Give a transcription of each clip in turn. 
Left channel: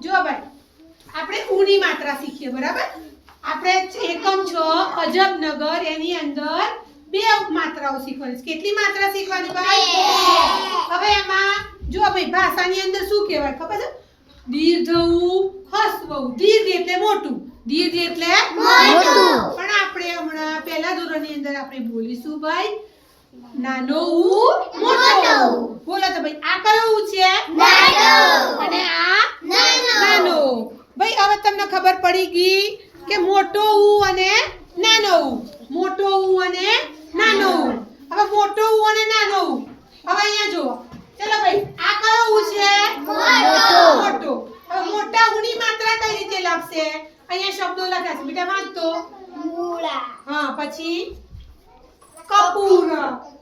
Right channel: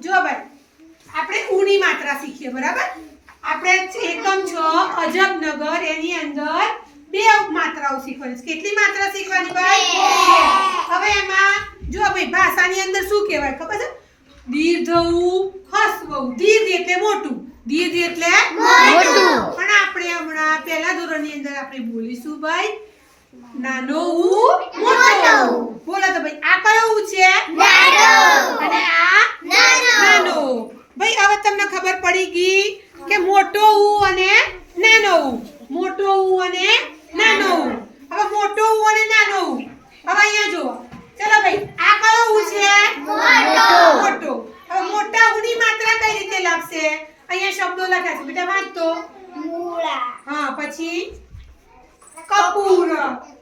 જો ભાઈ આપણે ઉની માત્રા શીખીએ બરાબર આપણે એકમ 6 અજબનગર એની અંદર બે માત્રાઓ શીખવાની કેટલી માત્રા શીખવાની ભાઈ હવે એમાં જો ભાઈ ભાષાની અંદર શું કહેવાય ખબર છે દીર્ઘ હસ્વ દીર્ઘ એટલે મોટું દીર્ઘ એટલે મોટું પણ આપણે હમણાં પહેલા ધોરણની અંદર આપણે બોલીશું ભાઈ નાનો મોટો બોલો તો ભાઈ આ કયો ઉ છે નાનો અને આ નાનો ભાઈ હવે તમને ખબર પડી ગઈ કે મોટો ઉ અને નાનો ઉ મોટો ઉ અને નાનો ઉ હવે મોટો ઉ અને નાનો ઉ હવે અહીંયા જુઓ ચલો ભાઈ આ કયો ઉ છે મોટો હવે મોટા ઉની માત્રા કઈ રીતે લખશે અહીંયા શબ્દો લખ્યા છે બેટા વાંચતો મૂળા હા પછી કપૂર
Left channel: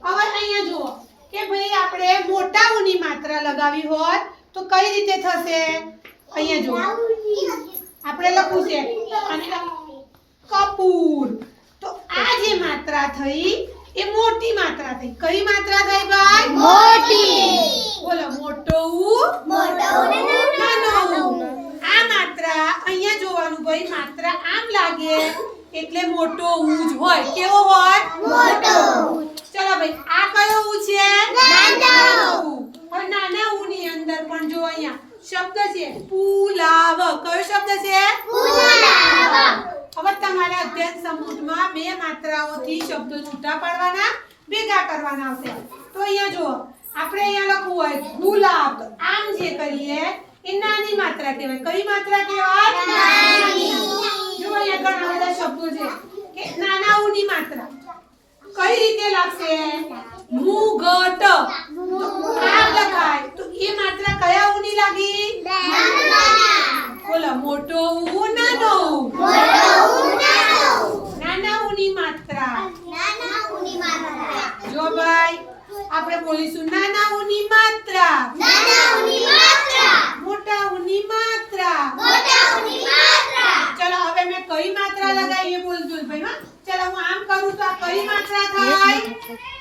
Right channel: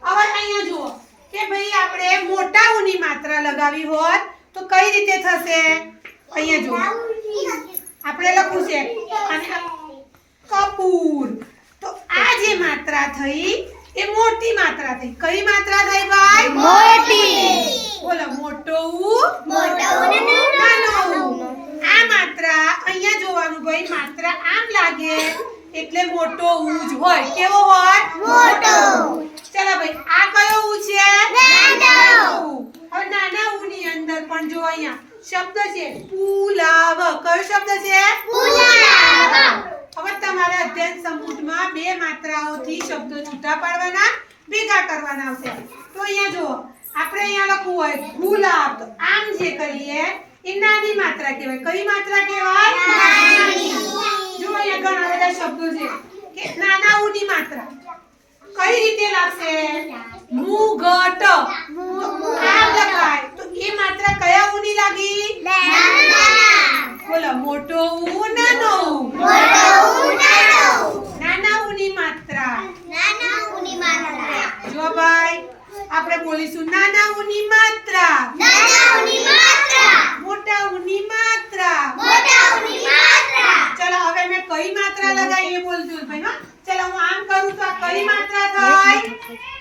હવે અહીંયા જુઓ કે ભાઈ આપણે મોટા ઉની માત્રા લગાવી હોત તો કઈ રીતે થશે અહીંયા જુઓ આપણે લખવું છે અને કપૂર તો આ જે માત્રા થઈ એ મોટી માત્રા થઈ કઈ માત્રા થઈ ભાઈ મોટી બોલો મોટો ઉ નાનો ઉ આ માત્રા અહીંયા જોવાનું ભાઈ માત્રા આમ લાગે એટલે મોટો ઉ જ હોય કેવો હોય મોટો ચલો ભાઈ આ કયો ઉ છે નાનો ઉ હવે નાના ઉ ની અંદર પણ જો અહીંયા શબ્દ છે પુલાવ કયો શબ્દ છે પુલાવ હવે તમારા અધ્યયન સમૂહમાં બે માત્રાઓથી શબ્દો છૂટા પાડવાના ભેગા કરવાના આવશે તો અહીંયા જો આપણે અહીંયા લખવું હોય ગુલાબ તો આમ જે કરીએ એ નાની માત્રા કહેવાય કઈ માત્રા કહેવાય નાની જો અહીંયા ઘણા બધા શબ્દો છે કે નાના ઉની માત્રા કઈ રીતે લાગશે મુગટ આમ લખાય તો એ માત્રા કયા ઉની લાગી બોલો મોટો ઉ નાનો ઉ નાના ઉની માત્રા જો ભાઈ આપણે બોલીશું નાના ઉની માત્રા મોટા ઉની માત્રા ચલો હવે મેં કઈ માત્રા લગાવી એ બોલજો ભાઈ હા ચલો હું આમ કરું તો આ કઈ માત્રા થાય